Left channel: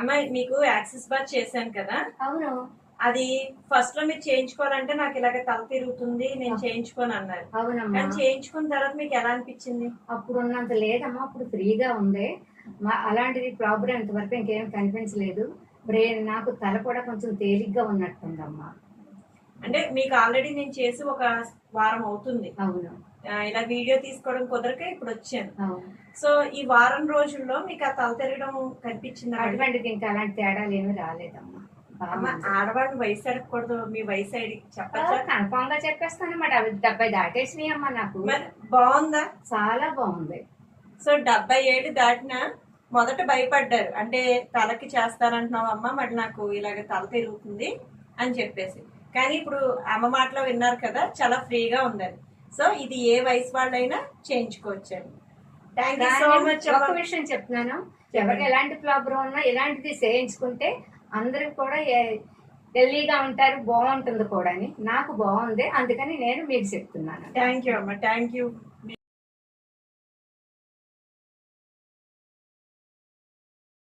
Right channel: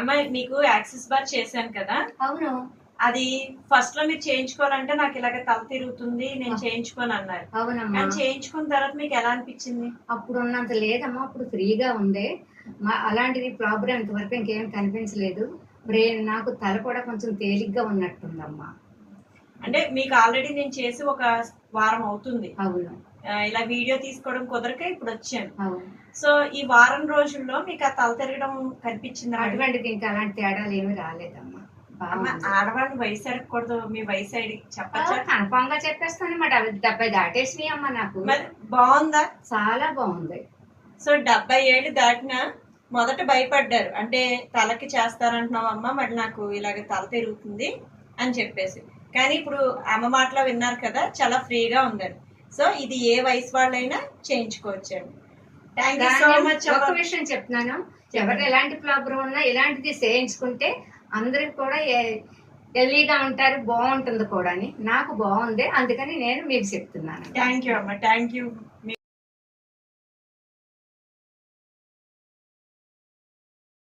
అమ్మ మీకు axis bar చేశాను కదా. అవును. అది ఫస్ట్ లో మీరు చేయించుకోవాలంటే నాకు ఇలాగ తల తిరుగుతుంది, నేను చేయించుకోను అన్నారు. అవునమ్మా. కానీ చేయించుకున్న తర్వాత మీకు ఎలా అనిపించింది? అప్పుడు ఉన్నంత లేదమ్మా, అప్పుడు ఫ్రీగా ఉంది. అలాంటిది ప్రాబ్లం ఇంతవరకు ఇంకేం కనిపించలేదు. బ్రెయిన్ నాకు తల కూడా కొంచెం తేలిగ్గా ఉన్నట్టుందమ్మా. అంటే మీకు ఆల్రెడీ నేను చేసి ఒక వారం అవుతుంది. అవును. ఇలా వీడియో తీసుకోవడం కుదరక ఇప్పుడు వచ్చాను. అవును. సో ఈ వారం రోజుల్లో మీకు ఆ తల తిరగడం కనిపించింది? అటువంటిది ఇంకా అలాంటి తేడాలు ఏమి రాలేదమ్మా. ఆడవాళ్ళు వయసు అడగకూడదు, మీ వయసు అడిగి చెప్పచ్చా? కన్ఫామ్ గా చెప్పేస్తాను అన్నమాట. అవి 70 దాటేసినాయి అమ్మా నాకు. మరి బాగుందా? చాలా బాగుంది. సో 70 ఏళ్ళు దాటినా మొదట భయపడ్డారు, అంటే తలకి చేస్తానంటున్నావు అమ్మ, మరి నాకు ఇలాగ తల తిరుగుతుంది అని చెప్పేసి. కానీ ఇప్పుడు అమ్మ మాటలో విన్నారు కదా, చాలా ఫ్రీగా ఉందని. సో ఇది ఏ వయసు వాళ్ళైనా చేయించుకోవచ్చండి. Thank you so much. ఒక విషయం చెప్తున్నాను, ఎవరు ఎలాంటి ప్రాబ్లం ఉన్నా ఇలాంటిది చేయించుకుంటే అందరికి కూడా హెల్దీగా ఉంటారు, బాగుంటుంది కూడా అని. నాకు బాగుంది, అందుకని నేను మీకు చెప్తున్నాను. థ్యాంక్ యూ అమ్మ, థ్యాంక్ యూ.